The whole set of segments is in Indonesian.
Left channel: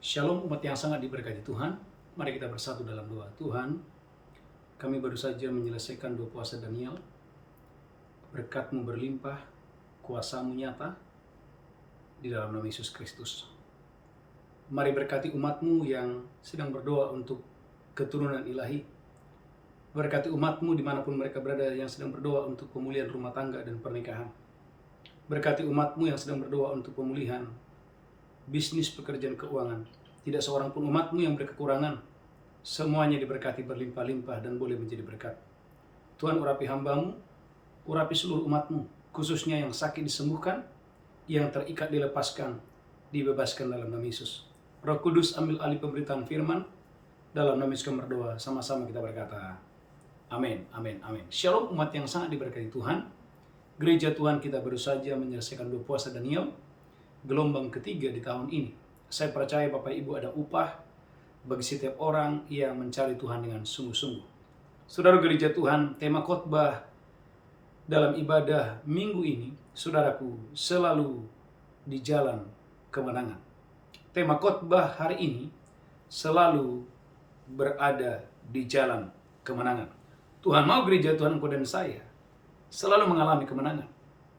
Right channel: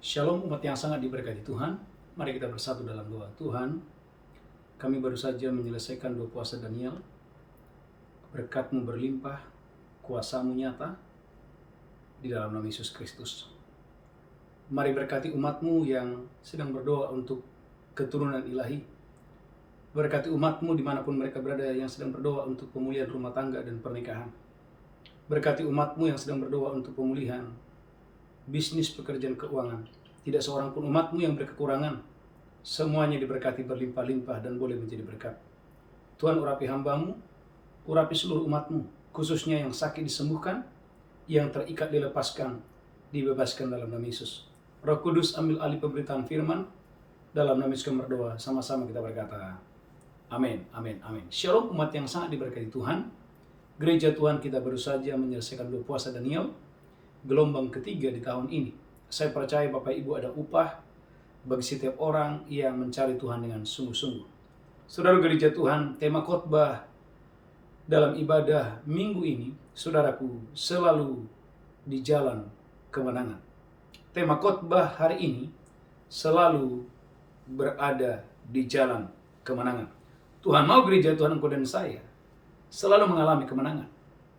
Shalom umat yang sangat diberkati Tuhan. Mari kita bersatu dalam doa. Tuhan, kami baru saja menyelesaikan doa puasa Daniel. Berkat-Mu berlimpah, kuasa-Mu nyata di dalam nama Yesus Kristus. Mari berkati umat-Mu yang sedang berdoa untuk keturunan ilahi. Berkati umat-Mu dimanapun mereka berada yang sedang berdoa untuk pemulihan rumah tangga dan pernikahan. Berkati umat-Mu yang sedang berdoa untuk pemulihan bisnis, pekerjaan, keuangan. Tidak seorang pun umat-Mu yang berkekurangan. Semuanya diberkati berlimpah-limpah dan boleh menjadi berkat. Tuhan, urapi hamba-Mu, urapi seluruh umat-Mu, khususnya yang sakit disembuhkan, yang terikat dilepaskan, dibebaskan dalam nama Yesus. Roh Kudus, ambil alih pemberitaan firman. Dalam nama Yesus kami berdoa, sama-sama kita berkata, amin, amin, amin. Shalom umat yang sangat diberkati Tuhan. Gereja Tuhan kita baru saja menyelesaikan doa puasa Daniel, gelombang ketiga di tahun ini. Saya percaya Bapak Ibu ada upah bagi setiap orang yang mencari Tuhan dengan sungguh-sungguh. Saudara gereja Tuhan, tema khotbah dalam ibadah minggu ini, saudaraku, selalu di jalan kemenangan. Tema khotbah hari ini, selalu berada di jalan kemenangan. Tuhan mau gereja Tuhan engkau dan saya selalu mengalami kemenangan,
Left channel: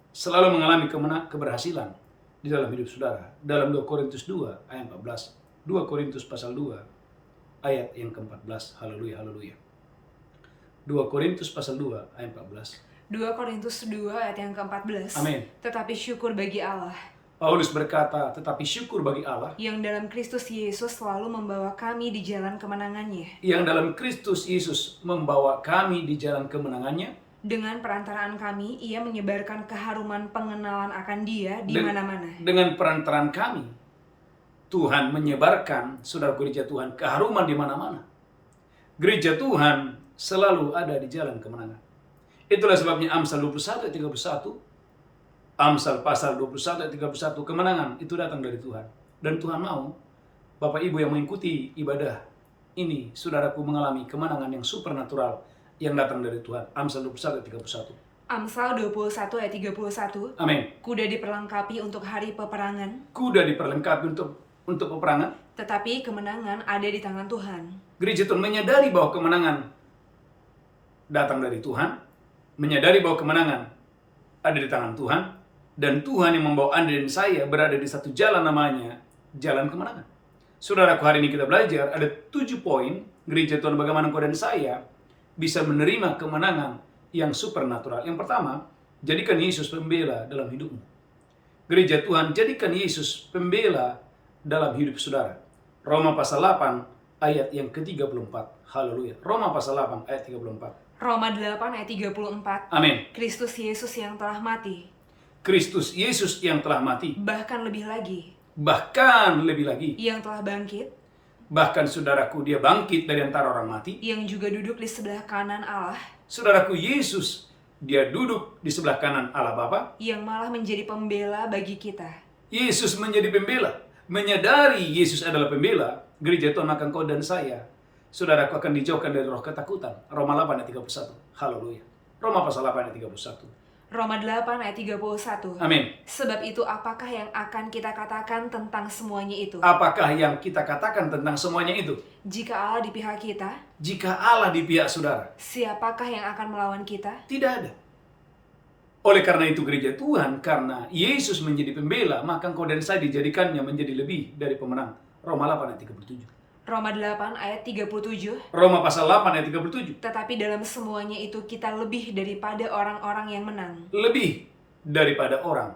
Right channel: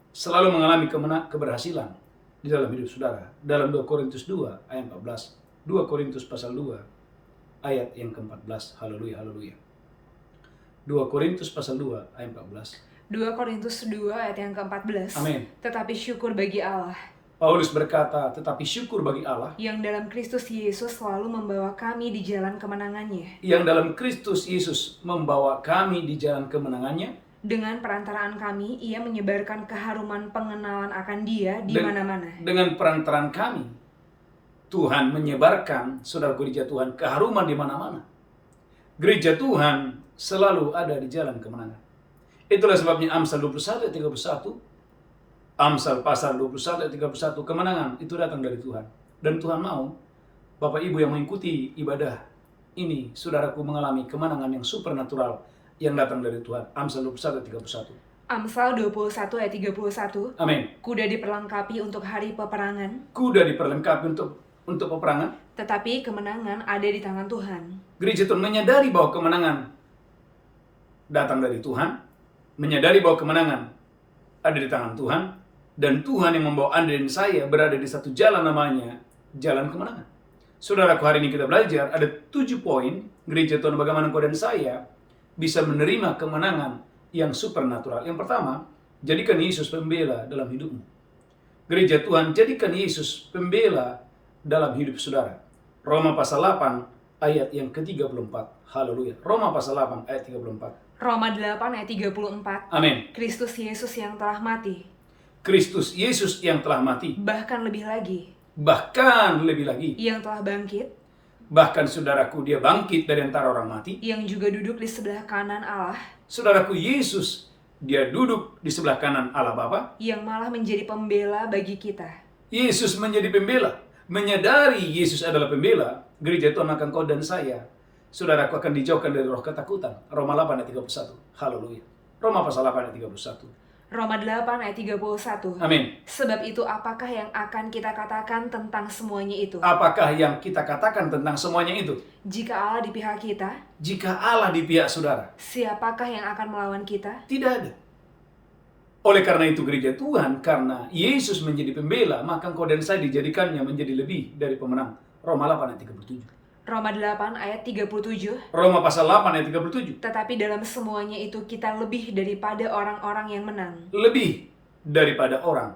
selalu mengalami keberhasilan di dalam hidup saudara. Dalam 2 Korintus 2 ayat 14. 2 Korintus pasal 2 ayat yang ke-14. Haleluya, haleluya. 2 Korintus pasal 2 ayat 14. 2 Korintus 2 ayat yang ke-14. Amin. Tetapi syukur bagi Allah Paulus berkata, tetapi syukur bagi Allah yang dalam Kristus Yesus selalu membawa kami di jalan kemenangannya. yang dalam Kristus Yesus membawa kami di jalan kemenangannya. Dengan perantaraan kami, ia menyebarkan keharuman pengenalan akan Dia di mana-mana. Dengan perantaraan kami, Tuhan menyebarkan, saudara gereja Tuhan, keharuman di mana-mana. Gereja Tuhan selalu ada di jalan kemenangan. Itulah sebabnya Amsal 21 ayat 31, Amsal pasal 21 ayat 31, kemenangan itu datang dari Tuhan. Dan Tuhan mau Bapak Ibu yang mengikuti ibadah ini, saudaraku, mengalami kemenangan yang supernatural yang datang dari Tuhan. Amsal 21 ayat 31. Amsal 21 ayat 31. Amin. Kuda diperlengkapi untuk hari peperangan, Kuda diperlengkapi untuk peperangan, tetapi kemenangan ada di tangan Tuhan. Gereja Tuhan menyadari bahwa kemenangan datang dari Tuhan, menyadari bahwa kemenangan ada di tangan Tuhan, dan Tuhan yang membawa Anda dan saya berada di satu jalan, namanya jalan kemenangan. Saudaraku, hari ini kita belajar ada 7 poin gereja Tuhan bagaimana engkau dan saya bisa menerima kemenangan yang supernatural. Yang pertama, jadikan Yesus pembela dalam hidupmu. Gereja Tuhan, jadikan Yesus pembela dalam hidup saudara. Roma pasal 8 ayat yang ke-34. Haleluya. Roma pasal 8 ayat 34. Roma 8 ayat 34. Amin. Kristus Yesus yang telah mati, Kristus Yesus yang telah mati, bahkan lebih lagi, yang telah bangkit, bahkan saudaraku, dia bangkit dari antara orang mati. yang juga duduk di sebelah kanan Allah, Saudaraku, Yesus, dia duduk di sebelah kanan Allah Bapa. yang malah menjadi pembela bagi kita. Yesus menjadi pembela. Menyadari Yesus adalah pembela, gereja Tuhan akan kau dan saya, saudaraku, akan dijauhkan dari roh ketakutan. Roma 8 ayat 31. Haleluya. Roma pasal 8 ayat 31. Roma 8 ayat 31. Amin. Sebab itu apakah yang akan kita katakan tentang semuanya itu? Apakah yang kita katakan tentang semuanya itu? Jika Allah di pihak kita, Jika Allah di pihak saudara, siapakah yang akan melawan kita? tidak ada. Oleh karena itu gereja Tuhan, karena Yesus menjadi pembela, maka engkau dan saya dijadikannya menjadi lebih dari pemenang. Roma 8 ayat 37. Roma 8 ayat 37. Roma pasal 8 ayat 37. Tetapi dalam semuanya itu kita lebih daripada orang-orang yang menang. Lebih daripada orang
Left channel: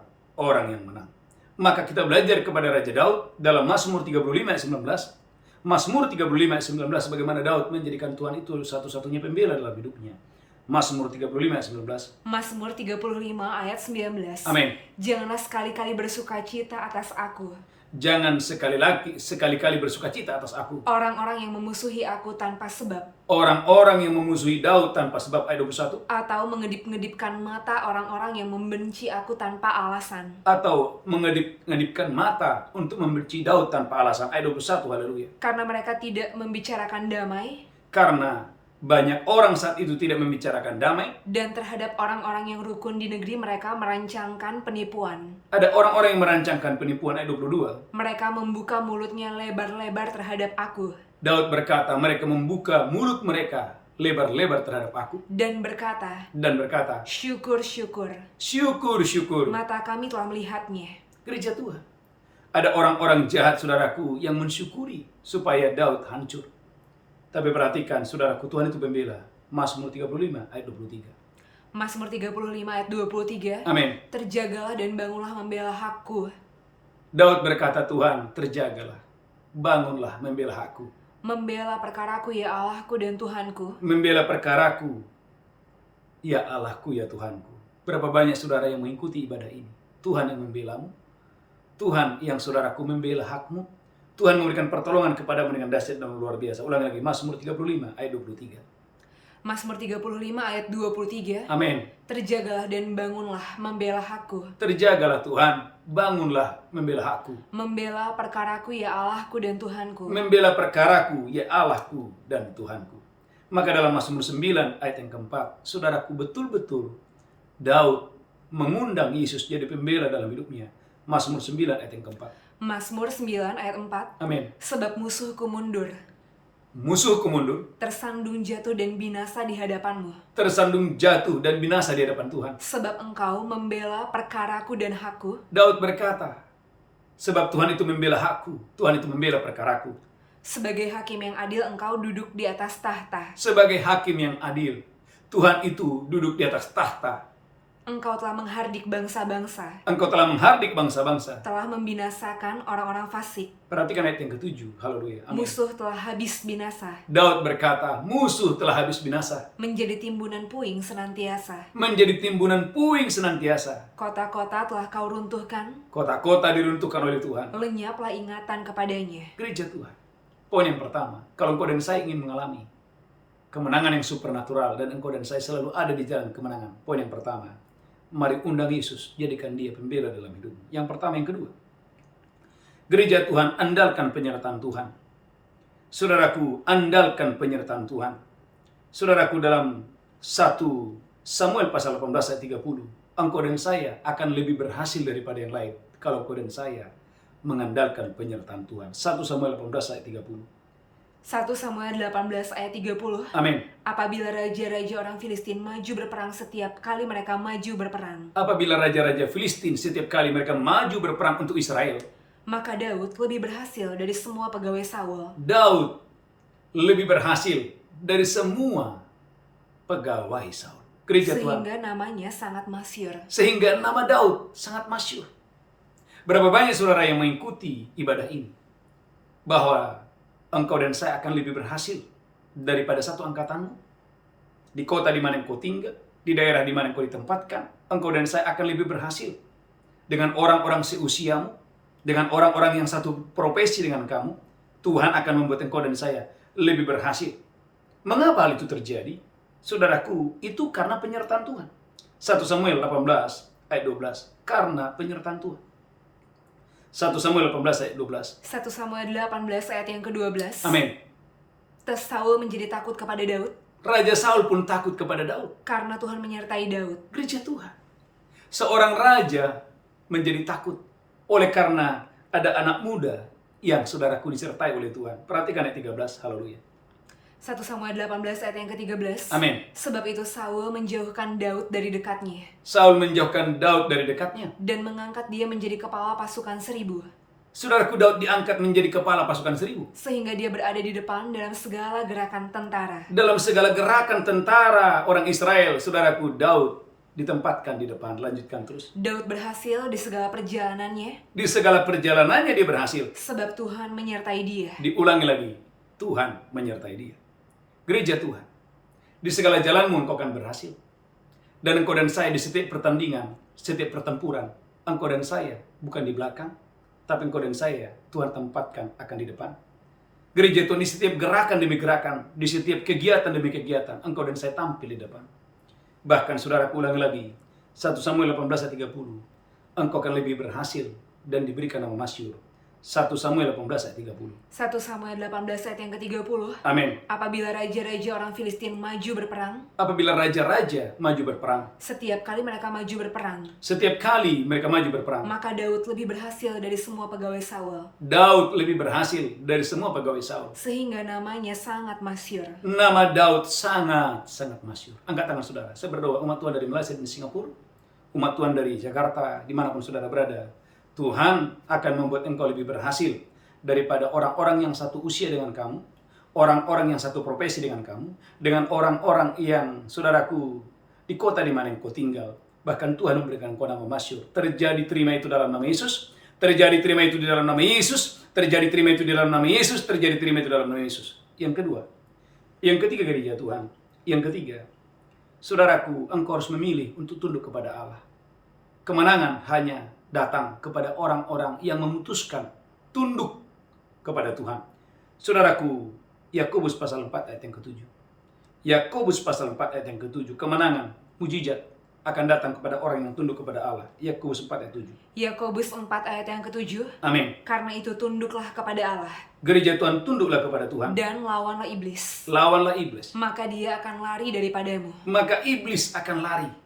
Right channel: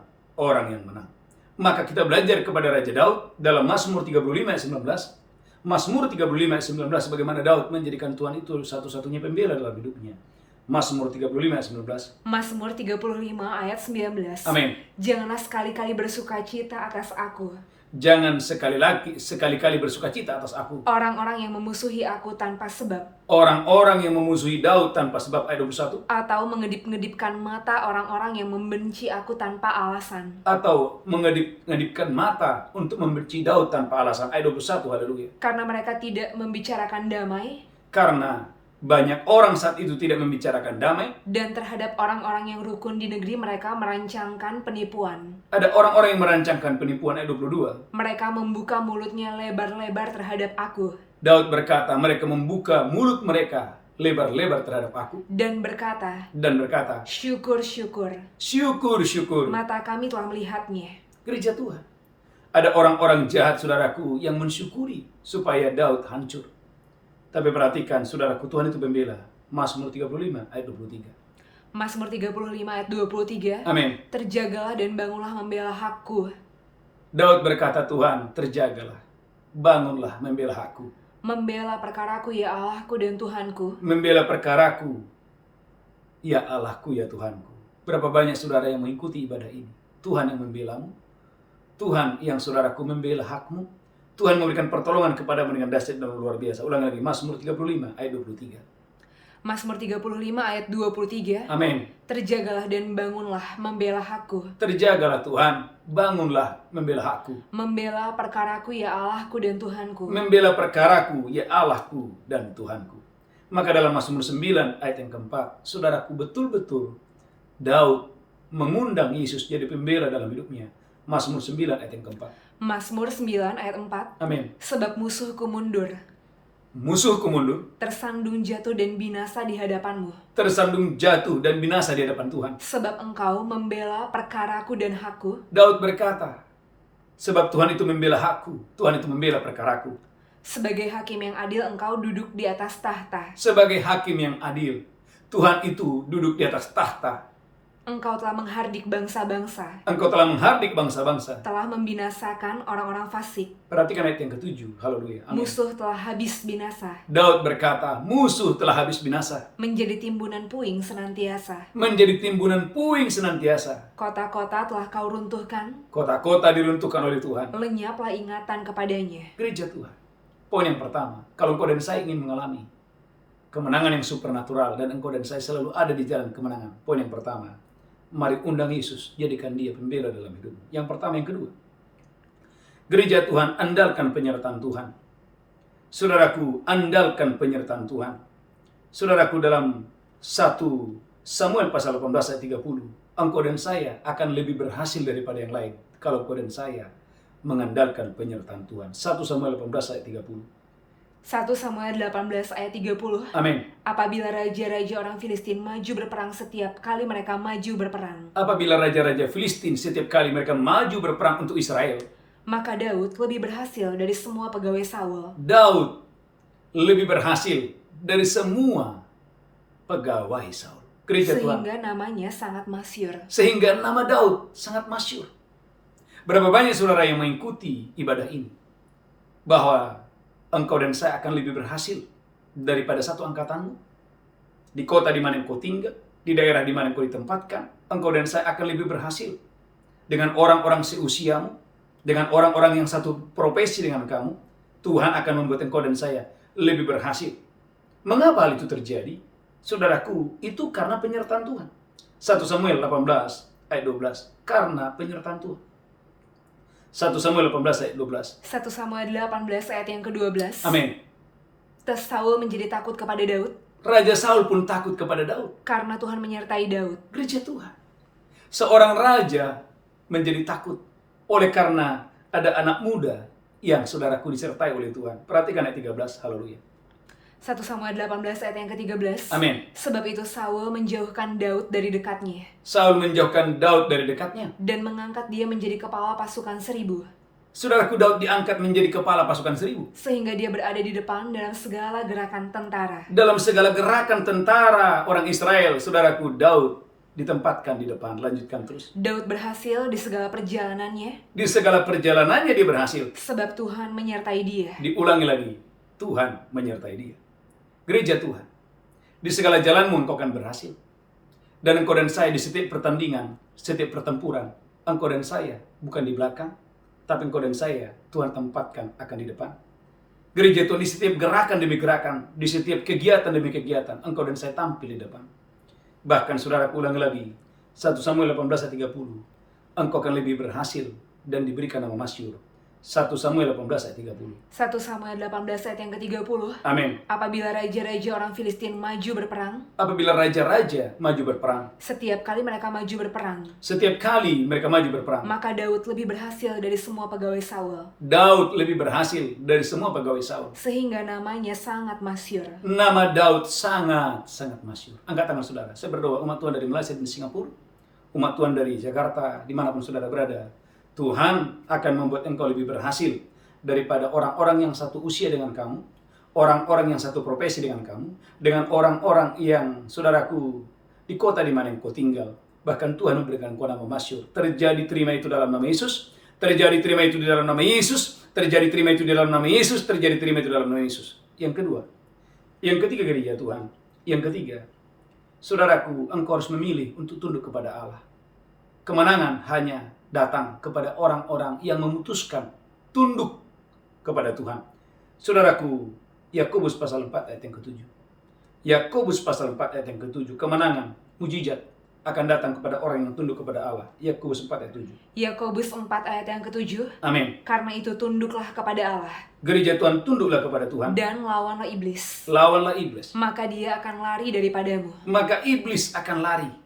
yang menang. Maka kita belajar kepada Raja Daud dalam Mazmur 35 ayat 19. Mazmur 35 ayat 19, bagaimana Daud menjadikan Tuhan itu satu-satunya pembela dalam hidupnya. Mazmur 35 ayat 19. Mazmur 35 ayat 19. Amin. Janganlah sekali-kali bersukacita atas aku, Jangan sekali-kali bersukacita atas aku. orang-orang yang memusuhi aku tanpa sebab, Orang-orang yang memusuhi Daud tanpa sebab, ayat 21. atau mengedip-ngedipkan mata orang-orang yang membenci aku tanpa alasan. Atau mengedip-ngedipkan mata untuk membenci Daud tanpa alasan, ayat 21. Haleluya. Karena mereka tidak membicarakan damai, Karena Banyak orang saat itu tidak membicarakan damai. Dan terhadap orang-orang yang rukun di negeri mereka merancangkan penipuan. Ada orang-orang yang merancangkan penipuan ayat 22. Mereka membuka mulutnya lebar-lebar terhadap aku. Daud berkata, mereka membuka mulut mereka lebar-lebar terhadap aku. Dan berkata, syukur-syukur. Syukur-syukur. Mata kami telah melihatnya. Gereja Tuhan. Ada orang-orang jahat, saudaraku, yang mensyukuri supaya Daud hancur. Tapi perhatikan, saudaraku, Tuhan itu pembela. Mazmur 35 ayat 23. Mazmur 35 ayat 23. Amin. Terjagalah dan bangunlah membela hakku. Daud berkata, Tuhan, terjagalah, bangunlah membela hakku. Membela perkaraku ya Allahku dan Tuhanku. Membela perkaraku, ya Allahku, ya Tuhanku. Berapa banyak saudara yang mengikuti ibadah ini? Tuhan yang membelamu. Tuhan yang saudaraku membela hakmu. Tuhan memberikan pertolongan kepadamu dengan dahsyat dan luar biasa. Ulang lagi, Mazmur 35 ayat 23. Mazmur 35 ayat 23. Amin. Terjagalah dan bangunlah membela hakku. Terjagalah Tuhan, bangunlah membela hakku. Membela perkaraku ya Allahku dan Tuhanku. Membela perkaraku ya Allahku dan Tuhanku. Maka dalam Mazmur 9 ayat yang keempat, saudaraku, betul-betul Daud mengundang Yesus jadi pembela dalam hidupnya. Mazmur 9 ayat yang keempat. Mazmur 9 ayat 4. Amin. Sebab musuhku mundur. Musuhku mundur. Tersandung jatuh dan binasa di hadapanmu. Tersandung jatuh dan binasa di hadapan Tuhan. Sebab engkau membela perkaraku dan hakku. Daud berkata, sebab Tuhan itu membela hakku. Tuhan itu membela perkaraku. Sebagai hakim yang adil engkau duduk di atas tahta. Sebagai hakim yang adil, Tuhan itu duduk di atas tahta. Engkau telah menghardik bangsa-bangsa. Engkau telah menghardik bangsa-bangsa. Telah membinasakan orang-orang fasik. Perhatikan ayat yang ke-7. Haleluya. Amin. Musuh telah habis binasa. Daud berkata, musuh telah habis binasa. Menjadi timbunan puing senantiasa. Menjadi timbunan puing senantiasa. Kota-kota telah kau runtuhkan. Kota-kota diruntuhkan oleh Tuhan. Lenyaplah ingatan kepadanya. Gereja Tuhan. Poin yang pertama, kalau engkau dan saya ingin mengalami kemenangan yang supernatural dan engkau dan saya selalu ada di jalan kemenangan. Poin yang pertama, mari undang Yesus, jadikan dia pembela dalam hidupmu. Yang pertama, yang kedua, gereja Tuhan, andalkan penyertaan Tuhan. Saudaraku, andalkan penyertaan Tuhan. Saudaraku, dalam 1 Samuel pasal 18 ayat 30, engkau dan saya akan lebih berhasil daripada yang lain kalau engkau dan saya mengandalkan penyertaan Tuhan. 1 Samuel 18 ayat 30. 1 Samuel 18 ayat 30. Amin. Apabila raja-raja orang Filistin maju berperang setiap kali mereka maju berperang. Apabila raja-raja Filistin setiap kali mereka maju berperang untuk Israel, maka Daud lebih berhasil dari semua pegawai Saul. Daud lebih berhasil dari semua pegawai Saul. Gereja Tuhan. Sehingga namanya sangat masyhur. Sehingga nama Daud sangat masyhur. Berapa banyak saudara yang mengikuti ibadah ini? Bahwa engkau dan saya akan lebih berhasil daripada satu angkatanmu. Di kota di mana engkau tinggal, di daerah di mana engkau ditempatkan, engkau dan saya akan lebih berhasil dengan orang-orang seusiamu, dengan orang-orang yang satu profesi dengan kamu. Tuhan akan membuat engkau dan saya lebih berhasil. Mengapa hal itu terjadi? Saudaraku, itu karena penyertaan Tuhan. 1 Samuel 18 ayat 12, karena penyertaan Tuhan. 1 Samuel 18 ayat 12. 1 Samuel 18 ayat yang ke-12. Amin. Terus Saul menjadi takut kepada Daud. Raja Saul pun takut kepada Daud. Karena Tuhan menyertai Daud. Gereja Tuhan. Seorang raja menjadi takut oleh karena ada anak muda yang saudaraku disertai oleh Tuhan. Perhatikan ayat 13. Haleluya. 1 Samuel 18 ayat yang ke-13. Amin. Sebab itu Saul menjauhkan Daud dari dekatnya. Saul menjauhkan Daud dari dekatnya. Dan mengangkat dia menjadi kepala pasukan 1000. Saudaraku, Daud diangkat menjadi kepala pasukan 1000. Sehingga dia berada di depan dalam segala gerakan tentara. Dalam segala gerakan tentara orang Israel, saudaraku, Daud ditempatkan di depan. Lanjutkan terus. Daud berhasil di segala perjalanannya. Di segala perjalanannya dia berhasil. Sebab Tuhan menyertai dia. Diulangi lagi. Tuhan menyertai dia. Gereja Tuhan, di segala jalanmu engkau akan berhasil. Dan engkau dan saya di setiap pertandingan, setiap pertempuran, engkau dan saya bukan di belakang, tapi engkau dan saya Tuhan tempatkan akan di depan. Gereja Tuhan, di setiap gerakan demi gerakan, di setiap kegiatan demi kegiatan, engkau dan saya tampil di depan. Bahkan saudaraku, ulangi lagi, 1 Samuel 18 ayat 30, engkau akan lebih berhasil dan diberikan nama masyhur. 1 Samuel 18 ayat 30. 1 Samuel 18 ayat yang ke-30. Amin. Apabila raja-raja orang Filistin maju berperang, Apabila raja-raja maju berperang, setiap kali mereka maju berperang, setiap kali mereka maju berperang, maka Daud lebih berhasil dari semua pegawai Saul, Daud lebih berhasil dari semua pegawai Saul. sehingga namanya sangat masyhur. Nama Daud sangat masyhur. Angkat tangan saudara. Saya berdoa umat Tuhan dari Malaysia dan Singapura, umat Tuhan dari Jakarta, dimanapun saudara berada, Tuhan akan membuat engkau lebih berhasil daripada orang-orang yang satu usia dengan kamu, orang-orang yang satu profesi dengan kamu, dengan orang-orang yang, saudaraku, di kota di mana engkau tinggal. Bahkan Tuhan memberikan engkau nama masyhur. Terjadi, terima itu dalam nama Yesus. Terjadi, terima itu di dalam nama Yesus. Terjadi, terima itu di dalam nama Yesus. Terjadi, terima itu dalam nama Yesus. Yang kedua, yang ketiga, gereja Tuhan. Yang ketiga, saudaraku, engkau harus memilih untuk tunduk kepada Allah. Kemenangan hanya datang kepada orang-orang yang memutuskan tunduk kepada Tuhan. Saudaraku, Yakobus pasal 4 ayat yang ke-7. Yakobus pasal 4 ayat yang ke-7. Kemenangan, mujizat akan datang kepada orang yang tunduk kepada Allah. Yakobus 4 ayat 7. Yakobus 4 ayat yang ke-7. Amin. Karena itu tunduklah kepada Allah. Gereja Tuhan, tunduklah kepada Tuhan. Dan lawanlah iblis. Lawanlah iblis. Maka dia akan lari daripadamu. Maka iblis akan lari.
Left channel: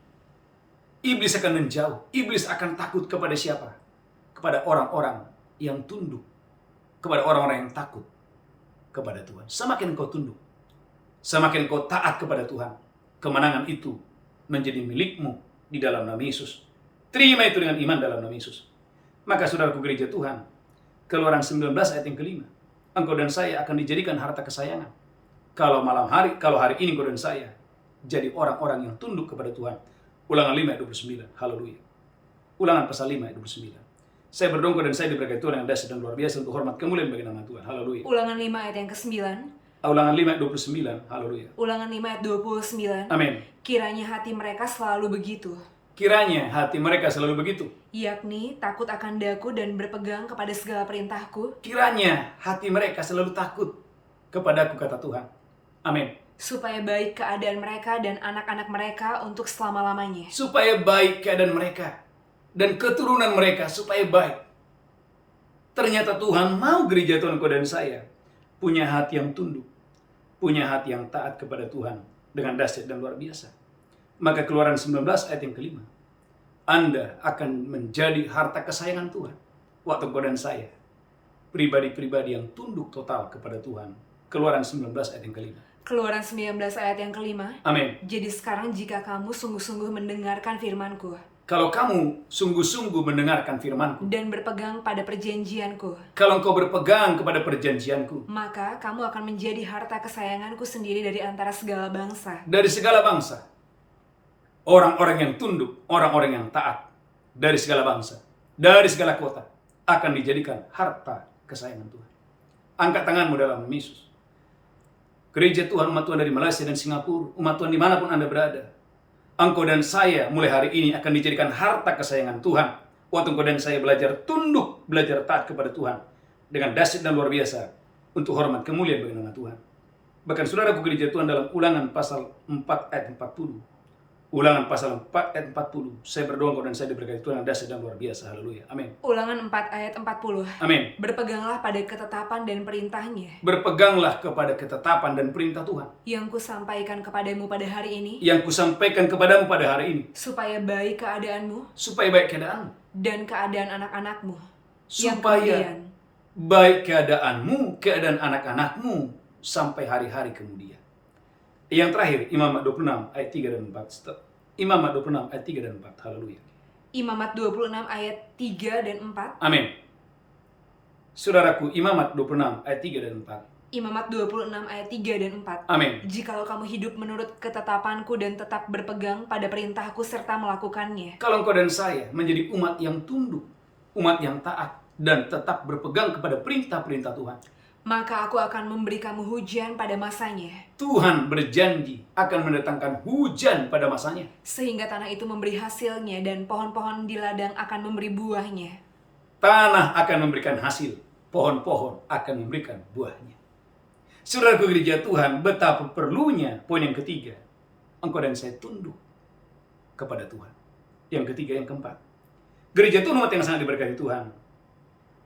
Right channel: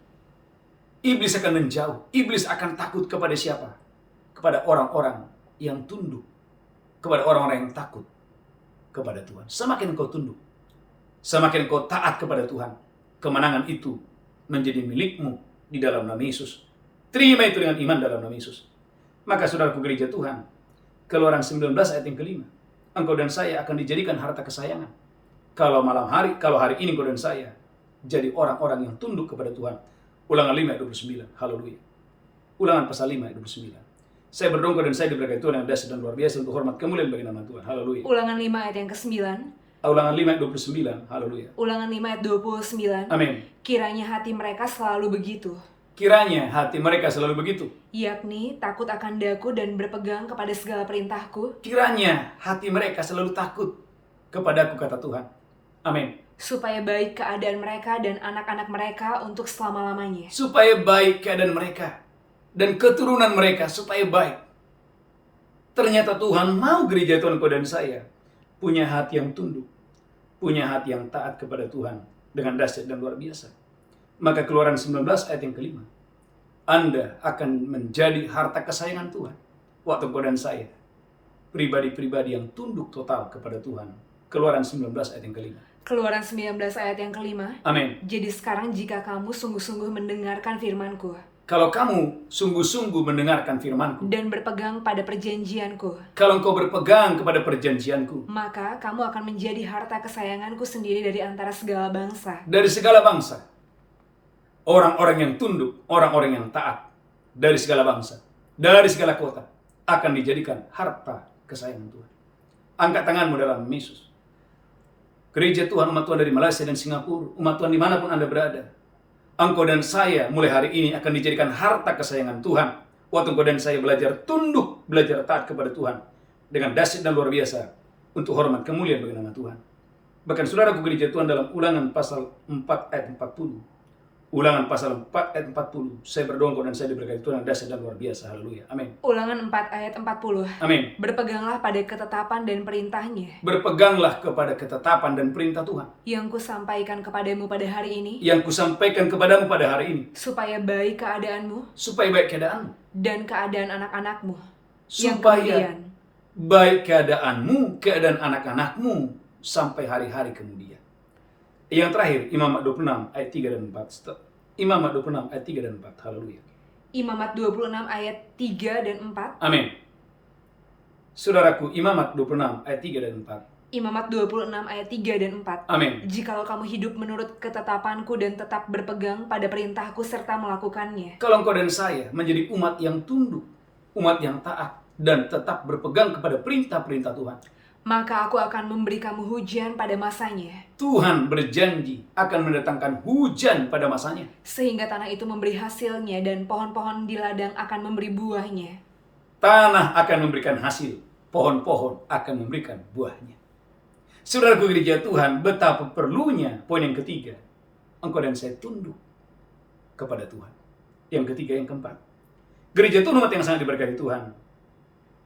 Iblis akan menjauh. Iblis akan takut kepada siapa? Kepada orang-orang yang tunduk. Kepada orang-orang yang takut kepada Tuhan. Semakin engkau tunduk, semakin engkau taat kepada Tuhan, kemenangan itu menjadi milikmu di dalam nama Yesus. Terima itu dengan iman dalam nama Yesus. Maka saudaraku gereja Tuhan, Keluaran 19 ayat yang ke-5. Engkau dan saya akan dijadikan harta kesayangan. Kalau hari ini engkau dan saya jadi orang-orang yang tunduk kepada Tuhan. Ulangan 5 ayat 29. Haleluya. Ulangan pasal 5 ayat 29. Saya berdoa dan saya diberkati Tuhan yang dahsyat dan luar biasa untuk hormat kemuliaan bagi nama Tuhan. Haleluya. Ulangan 5 ayat yang ke-9. Ulangan 5 ayat 29. Haleluya. Ulangan 5 ayat 29. Amin. Kiranya hati mereka selalu begitu. Kiranya hati mereka selalu begitu. Yakni takut akan daku dan berpegang kepada segala perintahku. Kiranya hati mereka selalu takut kepadaku, kata Tuhan. Amin. Supaya baik keadaan mereka dan anak-anak mereka untuk selama-lamanya. Supaya baik keadaan mereka dan keturunan mereka supaya baik. Ternyata Tuhan mau gereja Tuhan kau dan saya punya hati yang tunduk, punya hati yang taat kepada Tuhan dengan dahsyat dan luar biasa. Maka Keluaran 19 ayat yang ke-5. Anda akan menjadi harta kesayangan Tuhan. Waktu kau dan saya, pribadi-pribadi yang tunduk total kepada Tuhan. Keluaran 19 ayat yang ke-5. Keluaran 19 ayat yang ke-5. Amin. Jadi sekarang jika kamu sungguh-sungguh mendengarkan firman-Ku. Kalau kamu sungguh-sungguh mendengarkan firman-Ku. Dan berpegang pada perjanjian-Ku. Kalau engkau berpegang kepada perjanjian-Ku. Maka kamu akan menjadi harta kesayangan-Ku sendiri dari antara segala bangsa. Dari segala bangsa. Orang-orang yang tunduk, orang-orang yang taat. Dari segala bangsa. Dari segala kota. Akan dijadikan harta kesayangan Tuhan. Angkat tanganmu dalam Yesus. Gereja Tuhan, umat Tuhan dari Malaysia dan Singapura, umat Tuhan dimanapun Anda berada, engkau dan saya mulai hari ini akan dijadikan harta kesayangan Tuhan. Waktu engkau dan saya belajar tunduk, belajar taat kepada Tuhan dengan dahsyat dan luar biasa untuk hormat kemuliaan bagi nama Tuhan. Bahkan saudaraku gereja Tuhan dalam Ulangan pasal 4 ayat 40. Ulangan pasal 4 ayat 40. Saya berdoa engkau dan saya diberkati Tuhan yang dahsyat dan luar biasa. Haleluya. Amin. Ulangan 4 ayat 40. Amin. Berpeganglah pada ketetapan dan perintahnya. Berpeganglah kepada ketetapan dan perintah Tuhan. Yang kusampaikan kepadamu pada hari ini. Yang kusampaikan kepadamu pada hari ini. Supaya baik keadaanmu. Supaya baik keadaanmu. Dan keadaan anak-anakmu. Supaya baik keadaanmu, keadaan anak-anakmu sampai hari-hari kemudian. Yang terakhir, Imamat 26 ayat 3 dan 4. Imamat 26 ayat 3 dan 4. Haleluya. Imamat 26 ayat 3 dan 4. Amin. Saudaraku, Imamat 26 ayat 3 dan 4. Imamat 26 ayat 3 dan 4. Amin. Jikalau kamu hidup menurut ketetapanku dan tetap berpegang pada perintahku serta melakukannya. Kalau engkau dan saya menjadi umat yang tunduk, umat yang taat, dan tetap berpegang kepada perintah-perintah Tuhan, maka aku akan memberi kamu hujan pada masanya. Tuhan berjanji akan mendatangkan hujan pada masanya. Sehingga tanah itu memberi hasilnya dan pohon-pohon di ladang akan memberi buahnya. Tanah akan memberikan hasil, pohon-pohon akan memberikan buahnya. Saudaraku gereja Tuhan, betapa perlunya poin yang ketiga. Engkau dan saya tunduk kepada Tuhan. Yang ketiga, yang keempat. Gereja Tuhan umat yang sangat diberkati Tuhan.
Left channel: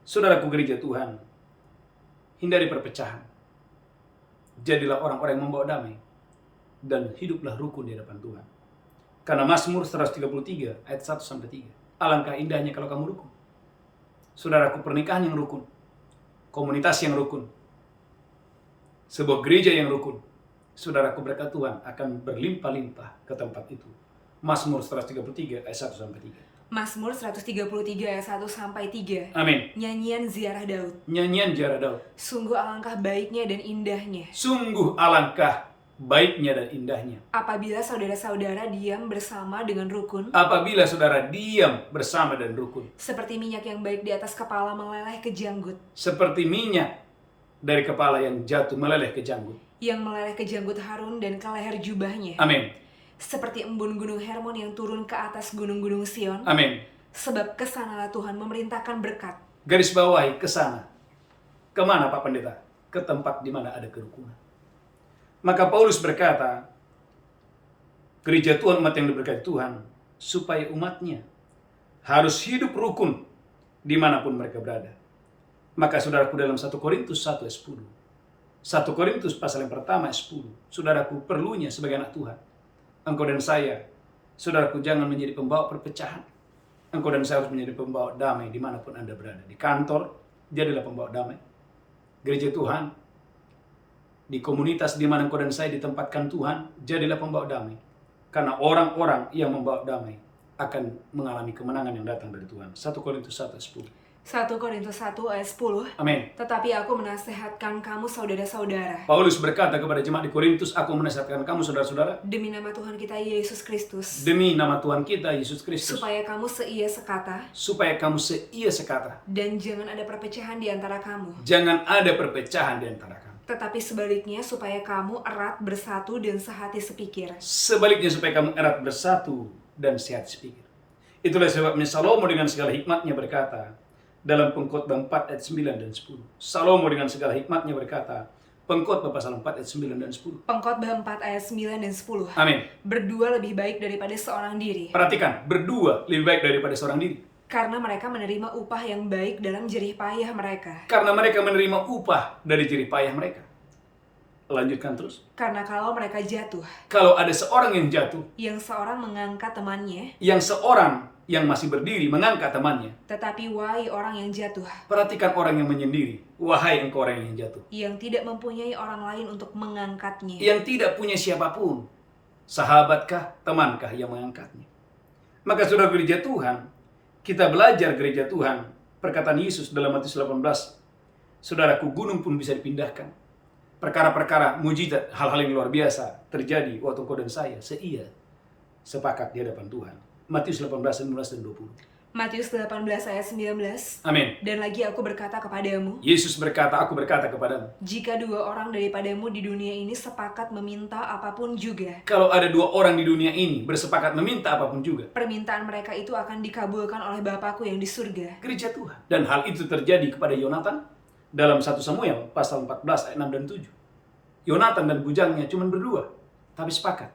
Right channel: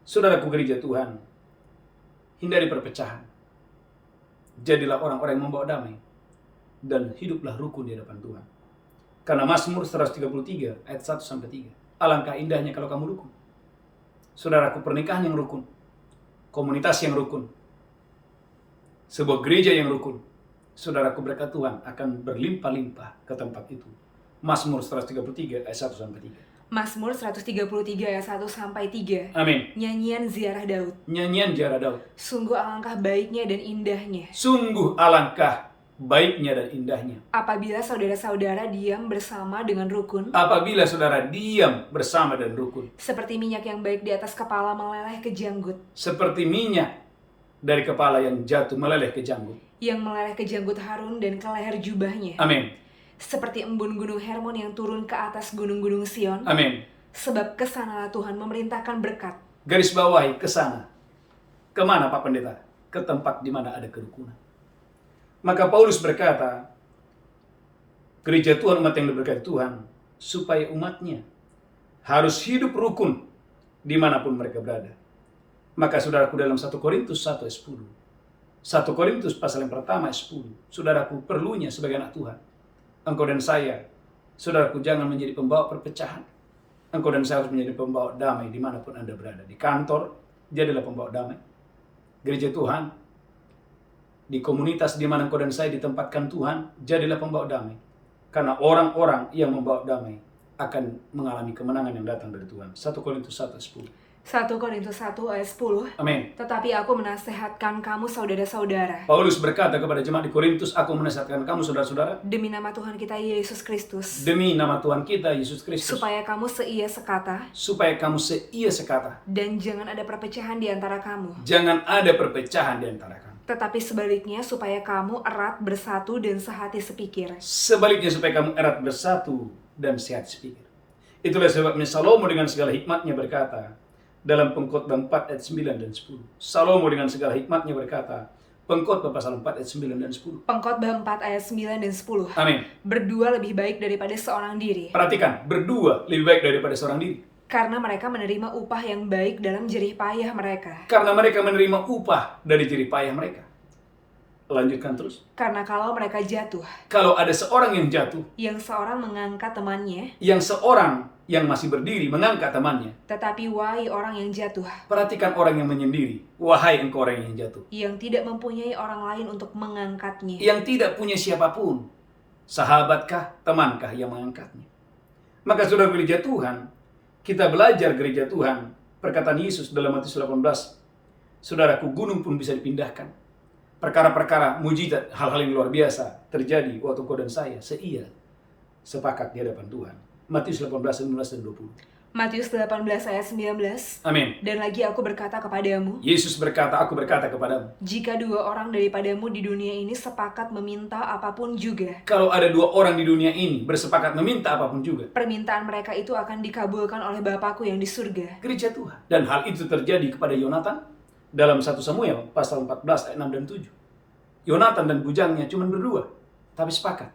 Saudaraku gereja Tuhan, hindari perpecahan. Jadilah orang-orang yang membawa damai. Dan hiduplah rukun di hadapan Tuhan. Karena Mazmur 133 ayat 1-3. Alangkah indahnya kalau kamu rukun. Saudaraku, pernikahan yang rukun. Komunitas yang rukun. Sebuah gereja yang rukun. Saudaraku, berkat Tuhan akan berlimpah-limpah ke tempat itu. Mazmur 133 ayat 1-3. Mazmur 133 ayat 1-3. Amin. Nyanyian ziarah Daud. Nyanyian ziarah Daud. Sungguh alangkah baiknya dan indahnya. Sungguh alangkah baiknya dan indahnya. Apabila saudara-saudara diam bersama dengan rukun. Apabila saudara diam bersama dan rukun. Seperti minyak yang baik di atas kepala meleleh ke janggut. Seperti minyak dari kepala yang jatuh meleleh ke janggut. Yang meleleh ke janggut Harun dan ke leher jubahnya. Amin. Seperti embun gunung Hermon yang turun ke atas gunung-gunung Sion. Amin. Sebab kesanalah Tuhan memerintahkan berkat. Garis bawahi ke sana. Kemana Pak Pendeta? Ke tempat di mana ada kerukunan. Maka Paulus berkata, gereja Tuhan, umat yang diberkati Tuhan, supaya umatnya harus hidup rukun dimanapun mereka berada. Maka saudaraku, dalam 1 Korintus 1 ayat 10, 1 Korintus pasal yang pertama ayat 10, saudaraku, perlunya sebagai anak Tuhan, engkau dan saya, saudaraku, jangan menjadi pembawa perpecahan. Engkau dan saya harus menjadi pembawa damai dimanapun Anda berada. Di kantor, jadilah pembawa damai. Gereja Tuhan, di komunitas di mana engkau dan saya ditempatkan Tuhan, jadilah pembawa damai. Karena orang-orang yang membawa damai akan mengalami kemenangan yang datang dari Tuhan. 1 Korintus 1 ayat 10. 1 Korintus 1 ayat 10. Amin. Tetapi aku menasehatkan kamu saudara-saudara. Paulus berkata kepada jemaat di Korintus, aku menasehatkan kamu saudara-saudara. Demi nama Tuhan kita Yesus Kristus. Demi nama Tuhan kita Yesus Kristus. Supaya kamu seia sekata. Supaya kamu seia sekata. Dan jangan ada perpecahan di antara kamu. Jangan ada perpecahan di antara kamu. Tetapi sebaliknya supaya kamu erat bersatu dan sehati sepikir. Sebaliknya supaya kamu erat bersatu dan sehati sepikir. Itulah sebabnya Salomo dengan segala hikmatnya berkata, dalam Pengkhotbah 4 ayat 9 dan 10. Salomo dengan segala hikmatnya berkata, Pengkhotbah pasal 4 ayat 9 dan 10. Pengkhotbah 4 ayat 9 dan 10. Amin. Berdua lebih baik daripada seorang diri. Perhatikan, berdua lebih baik daripada seorang diri. Karena mereka menerima upah yang baik dalam jerih payah mereka. Karena mereka menerima upah dari jerih payah mereka. Lanjutkan terus. Karena kalau mereka jatuh. Kalau ada seorang yang jatuh. Yang seorang mengangkat temannya. Yang seorang yang masih berdiri mengangkat temannya. Tetapi wahai orang yang jatuh. Perhatikan orang yang menyendiri. Wahai engkau orang yang jatuh. Yang tidak mempunyai orang lain untuk mengangkatnya. Yang tidak punya siapapun. Sahabatkah, temankah yang mengangkatnya. Maka saudara gereja Tuhan, kita belajar gereja Tuhan. Perkataan Yesus dalam Matius 18. Saudaraku, gunung pun bisa dipindahkan. Perkara-perkara mujizat, hal-hal yang luar biasa terjadi waktu engkau dan saya seia sepakat di hadapan Tuhan. Matius 18, 19 dan 20. Matius 18 ayat 19. Amin. Dan lagi aku berkata kepadamu. Yesus berkata, aku berkata kepadamu. Jika dua orang daripadamu di dunia ini sepakat meminta apapun juga. Kalau ada dua orang di dunia ini bersepakat meminta apapun juga. Permintaan mereka itu akan dikabulkan oleh Bapakku yang di surga. Gereja Tuhan. Dan hal itu terjadi kepada Yonatan dalam 1 Samuel pasal 14 ayat 6 dan 7. Yonatan dan bujangnya cuma berdua, tapi sepakat.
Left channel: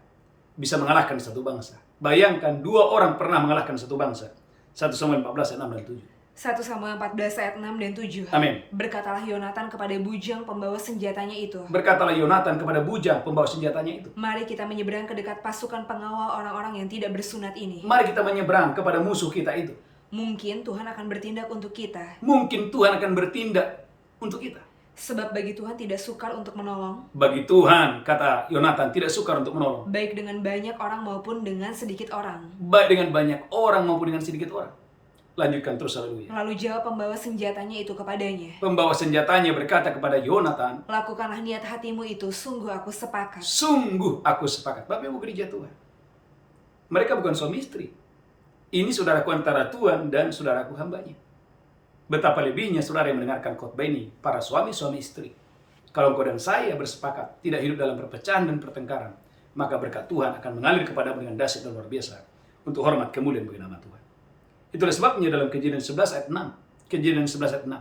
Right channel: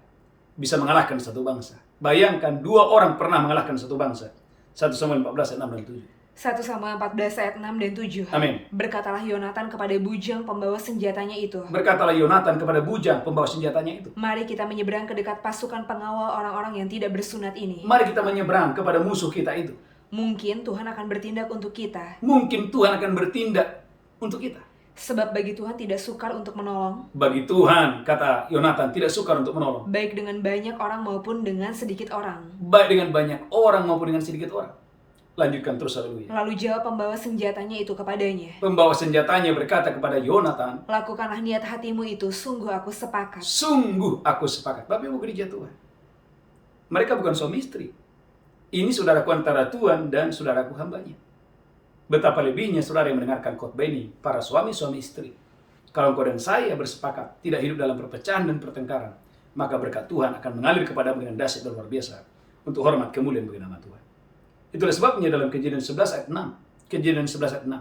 Bisa mengalahkan satu bangsa. Bayangkan dua orang pernah mengalahkan satu bangsa. 1 Samuel 14 ayat 6 dan 7. 1 Samuel 14 ayat 6 dan 7. Amin. Berkatalah Yonatan kepada bujang pembawa senjatanya itu. Berkatalah Yonatan kepada bujang pembawa senjatanya itu. Mari kita menyeberang ke dekat pasukan pengawal orang-orang yang tidak bersunat ini. Mari kita menyeberang kepada musuh kita itu. Mungkin Tuhan akan bertindak untuk kita. Mungkin Tuhan akan bertindak untuk kita. Sebab bagi Tuhan tidak sukar untuk menolong. Bagi Tuhan, kata Yonatan, tidak sukar untuk menolong. Baik dengan banyak orang maupun dengan sedikit orang. Baik dengan banyak orang maupun dengan sedikit orang. Lanjutkan terus, haleluya. Lalu jawab pembawa senjatanya itu kepadanya. Pembawa senjatanya berkata kepada Yonatan, lakukanlah niat hatimu itu, sungguh aku sepakat. Sungguh aku sepakat. Bapak Ibu gereja Tuhan, mereka bukan suami istri. Ini saudaraku antara Tuhan dan saudaraku hambanya. Betapa lebihnya saudara yang mendengarkan khotbah ini, para suami-suami istri. Kalau engkau dan saya bersepakat tidak hidup dalam perpecahan dan pertengkaran, maka berkat Tuhan akan mengalir kepadamu dengan dahsyat dan luar biasa untuk hormat kemuliaan bagi nama Tuhan. Itulah sebabnya dalam Kejadian 11 ayat 6. Kejadian 11 ayat 6.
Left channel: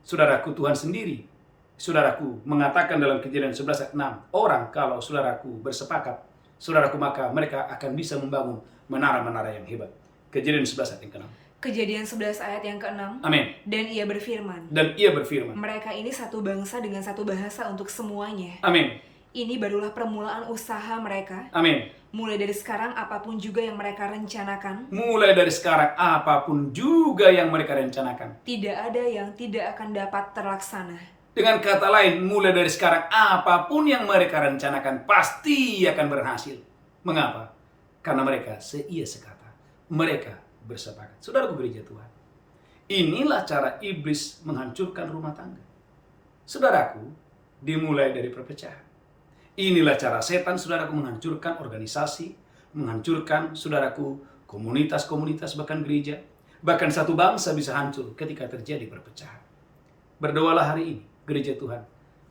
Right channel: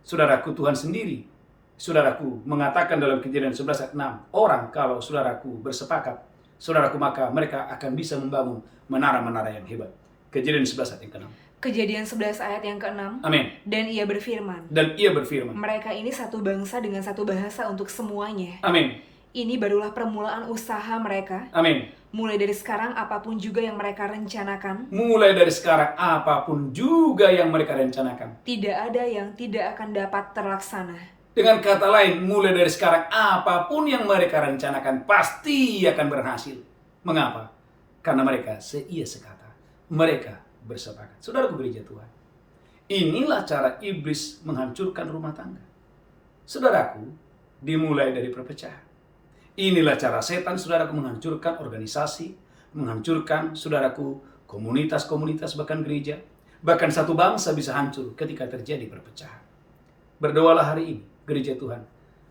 Saudaraku, Tuhan sendiri, saudaraku, mengatakan dalam Kejadian 11 ayat 6, orang kalau saudaraku bersepakat, saudaraku, maka mereka akan bisa membangun menara-menara yang hebat. Kejadian 11 ayat yang ke-6. Kejadian 11 ayat yang ke-6. Amin. Dan ia berfirman, Dan ia berfirman. mereka ini satu bangsa dengan satu bahasa untuk semuanya. Amin. Ini barulah permulaan usaha mereka. Amin. Mulai dari sekarang apapun juga yang mereka rencanakan, Mulai dari sekarang apapun juga yang mereka rencanakan, tidak ada yang tidak akan dapat terlaksana. dengan kata lain, mulai dari sekarang apapun yang mereka rencanakan pasti akan berhasil. Mengapa? Karena mereka seia sekata. Mereka bersepakat. Saudaraku gereja Tuhan, inilah cara iblis menghancurkan rumah tangga. Saudaraku, dimulai dari perpecahan. Inilah cara setan, saudaraku, menghancurkan organisasi, menghancurkan, saudaraku, komunitas-komunitas, bahkan gereja. Bahkan satu bangsa bisa hancur ketika terjadi perpecahan. Berdoalah hari ini, gereja Tuhan.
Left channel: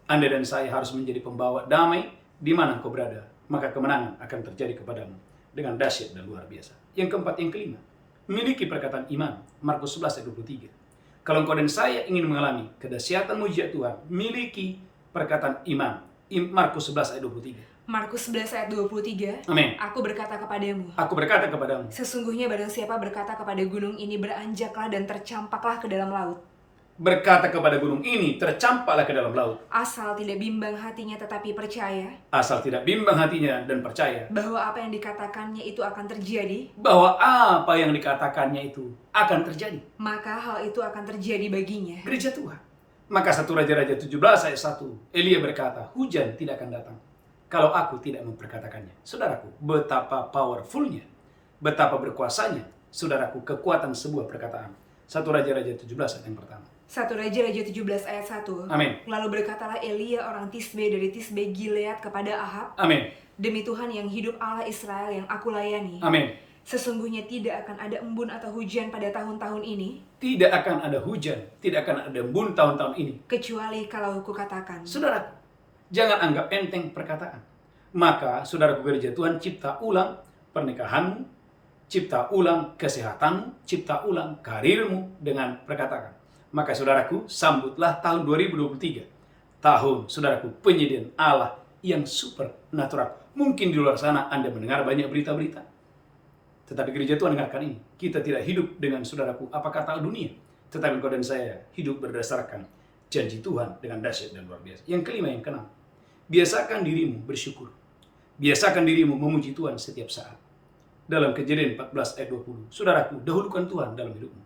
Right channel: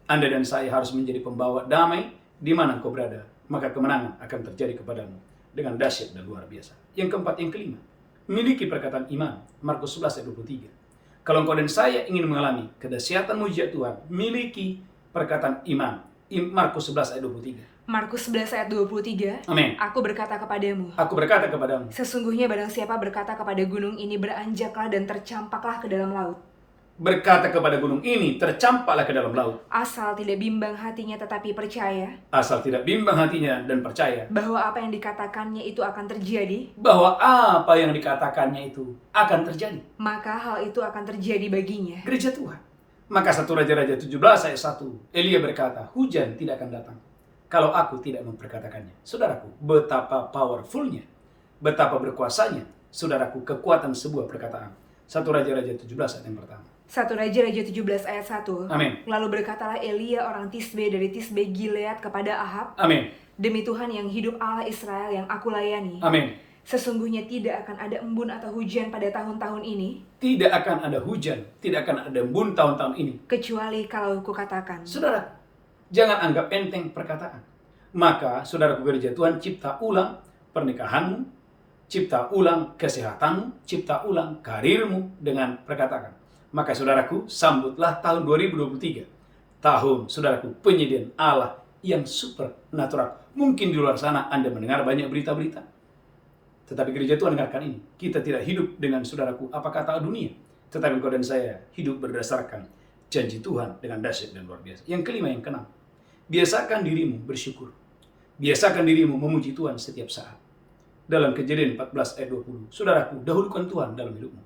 Anda dan saya harus menjadi pembawa damai di mana engkau berada. Maka kemenangan akan terjadi kepadamu dengan dahsyat dan luar biasa. Yang keempat, yang kelima, miliki perkataan iman. Markus 11 ayat 23. Kalau engkau dan saya ingin mengalami kedahsyatan mujizat Tuhan, miliki perkataan iman. Markus 11 ayat 23. Markus 11 ayat 23. Amin. Aku berkata kepadamu, Aku berkata kepadamu, sesungguhnya barang siapa berkata kepada gunung ini beranjaklah dan tercampaklah ke dalam laut, berkata kepada gunung ini, tercampaklah ke dalam laut. asal tidak bimbang hatinya tetapi percaya Asal tidak bimbang hatinya dan percaya bahwa apa yang dikatakannya itu akan terjadi, bahwa apa yang dikatakannya itu akan terjadi. maka hal itu akan terjadi baginya. Gereja Tuhan. Maka 1 Raja-Raja 17 ayat 1, Elia berkata, hujan tidak akan datang kalau aku tidak memperkatakannya. Saudaraku, betapa powerfulnya, betapa berkuasanya, saudaraku, kekuatan sebuah perkataan. 1 Raja-Raja 17 ayat yang pertama. 1 Raja-Raja 17 ayat 1. Amin. Lalu berkatalah Elia orang Tisbe dari Tisbe Gilead kepada Ahab, Amin. demi Tuhan yang hidup Allah Israel yang aku layani, Amin. sesungguhnya tidak akan ada embun atau hujan pada tahun-tahun ini, Tidak akan ada hujan, tidak akan ada embun tahun-tahun ini, kecuali kalau kukatakan. saudaraku. Jangan anggap enteng perkataan. Maka, saudaraku gereja Tuhan, cipta ulang pernikahanmu, cipta ulang kesehatanmu, cipta ulang karirmu dengan perkataan. Maka saudaraku, sambutlah tahun 2023. Tahun, saudaraku, penyediaan Allah yang supernatural. Mungkin di luar sana Anda mendengar banyak berita-berita. Tetapi gereja Tuhan dengarkan ini. Kita tidak hidup dengan, saudaraku, apa kata dunia. Tetapi engkau dan saya hidup berdasarkan janji Tuhan dengan dahsyat dan luar biasa. Yang kelima, yang keenam. Biasakan dirimu bersyukur. Biasakan dirimu memuji Tuhan setiap saat. Dalam Kejadian 14 ayat 20. Saudaraku, dahulukan Tuhan dalam hidupmu.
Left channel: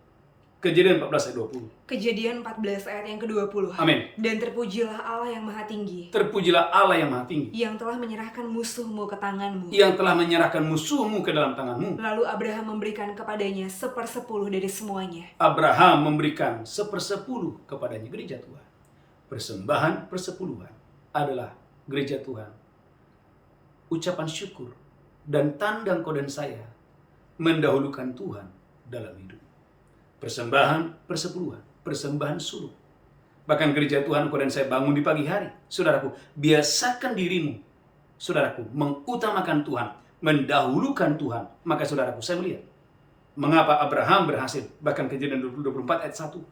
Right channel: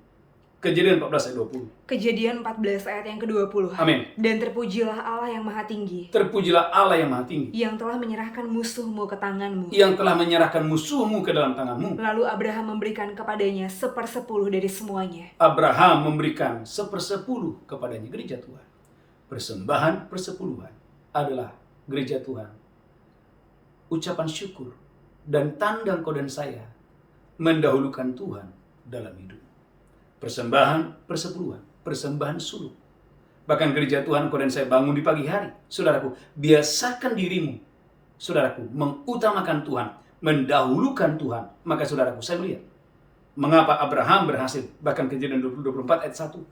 Kejadian 14 ayat 20. Kejadian 14 ayat yang ke-20. Amin. Dan terpujilah Allah yang maha tinggi, Terpujilah Allah yang maha tinggi, yang telah menyerahkan musuhmu ke tanganmu. yang telah menyerahkan musuhmu ke dalam tanganmu. Lalu Abraham memberikan kepadanya 1/10 dari semuanya. Abraham memberikan 1/10 kepadanya. Gereja Tuhan. Persembahan persepuluhan adalah, gereja Tuhan, ucapan syukur dan tanda engkau dan saya mendahulukan Tuhan dalam hidup. Persembahan persepuluhan, persembahan suluk. Bahkan gereja Tuhan, engkau dan saya bangun di pagi hari. Saudaraku, biasakan dirimu, saudaraku, mengutamakan Tuhan, mendahulukan Tuhan. Maka saudaraku, saya melihat mengapa Abraham berhasil. Bahkan Kejadian 24 ayat 1.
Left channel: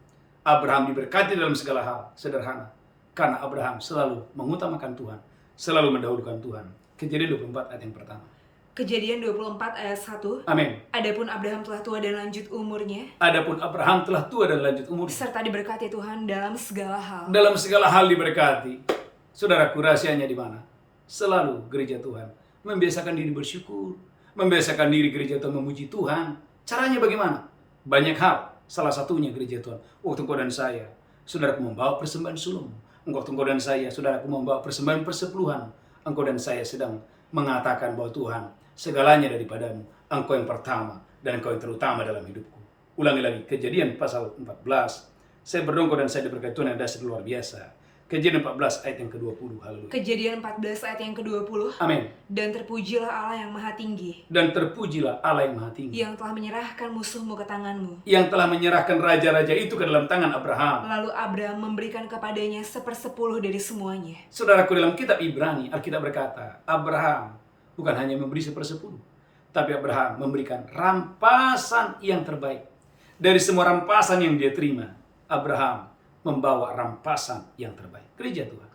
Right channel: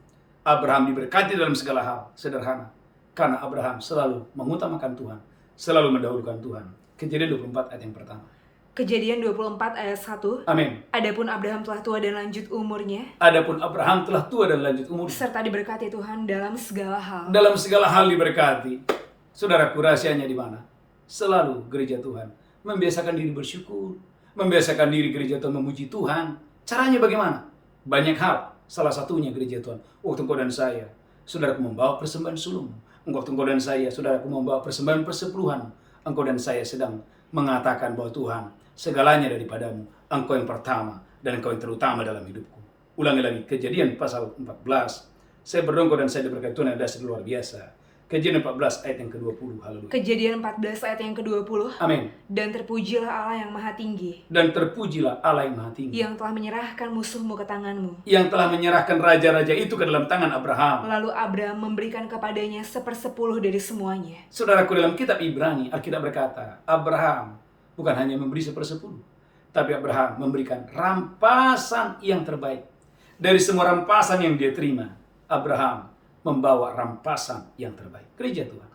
Abraham diberkati dalam segala hal. Sederhana. Karena Abraham selalu mengutamakan Tuhan, selalu mendahulukan Tuhan. Kejadian 24 ayat yang pertama. Kejadian 24 ayat 1. Amin. Adapun Abraham telah tua dan lanjut umurnya, Adapun Abraham telah tua dan lanjut umur, serta diberkati Tuhan dalam segala hal. dalam segala hal diberkati. Saudaraku, rahasianya di mana? Selalu gereja Tuhan membiasakan diri bersyukur, membiasakan diri gereja Tuhan memuji Tuhan. Caranya bagaimana? Banyak hal. Salah satunya gereja Tuhan, waktu engkau dan saya, saudaraku, membawa persembahan sulung. Waktu engkau dan saya, saudaraku, membawa persembahan persepuluhan. Engkau dan saya sedang mengatakan bahwa Tuhan, segalanya daripadamu, engkau yang pertama dan engkau yang terutama dalam hidupku. Ulangi lagi, Kejadian pasal 14. Saya berdoa engkau dan saya diberkati Tuhan yang dahsyat luar biasa. Kejadian 14 ayat yang ke-20. Haleluya. Kejadian 14 ayat yang ke-20. Amin. Dan terpujilah Allah yang maha tinggi, Dan terpujilah Allah yang maha tinggi, yang telah menyerahkan musuhmu ke tanganmu. yang telah menyerahkan raja-raja itu ke dalam tangan Abraham. Lalu Abraham memberikan kepadanya 1/10 dari semuanya. Saudaraku, dalam kitab Ibrani, Alkitab berkata, Abraham bukan hanya memberi 1/10, tapi Abraham memberikan rampasan yang terbaik. Dari semua rampasan yang dia terima, Abraham membawa rampasan yang terbaik. Gereja Tuhan,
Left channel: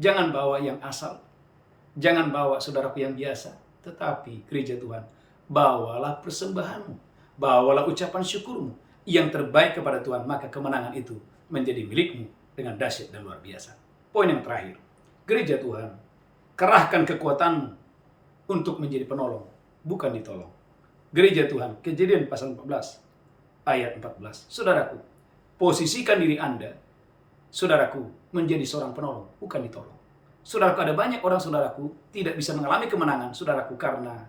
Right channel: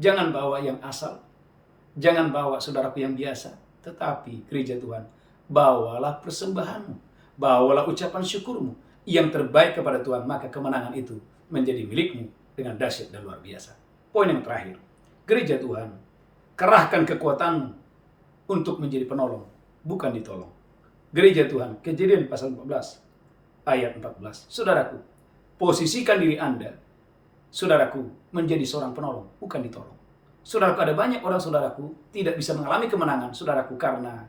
jangan bawa yang asal, jangan bawa saudaraku yang biasa, tetapi gereja Tuhan, bawalah persembahanmu, bawalah ucapan syukurmu, yang terbaik kepada Tuhan, maka kemenangan itu menjadi milikmu dengan dahsyat dan luar biasa. Poin yang terakhir, gereja Tuhan, kerahkan kekuatanmu untuk menjadi penolong, bukan ditolong. Gereja Tuhan, Kejadian pasal 14, ayat 14. Saudaraku, posisikan diri Anda, saudaraku, menjadi seorang penolong, bukan ditolong. Saudaraku, ada banyak orang saudaraku tidak bisa mengalami kemenangan, saudaraku, karena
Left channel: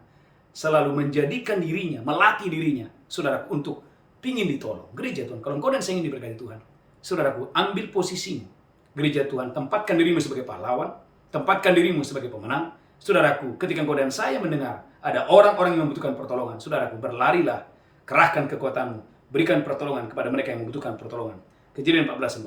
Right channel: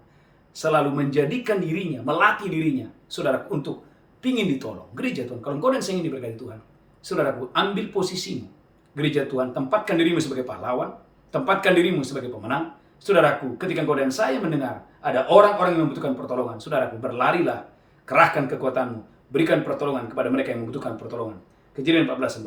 selalu menjadikan dirinya, melatih dirinya, saudaraku, untuk pingin ditolong. Gereja Tuhan, kalau engkau dan saya ingin diberkati Tuhan, saudaraku, ambil posisimu. Gereja Tuhan, tempatkan dirimu sebagai pahlawan, tempatkan dirimu sebagai pemenang. Saudaraku, ketika engkau dan saya mendengar ada orang-orang yang membutuhkan pertolongan, saudaraku, berlarilah, kerahkan kekuatanmu, berikan pertolongan kepada mereka yang membutuhkan pertolongan. Kejadian 14.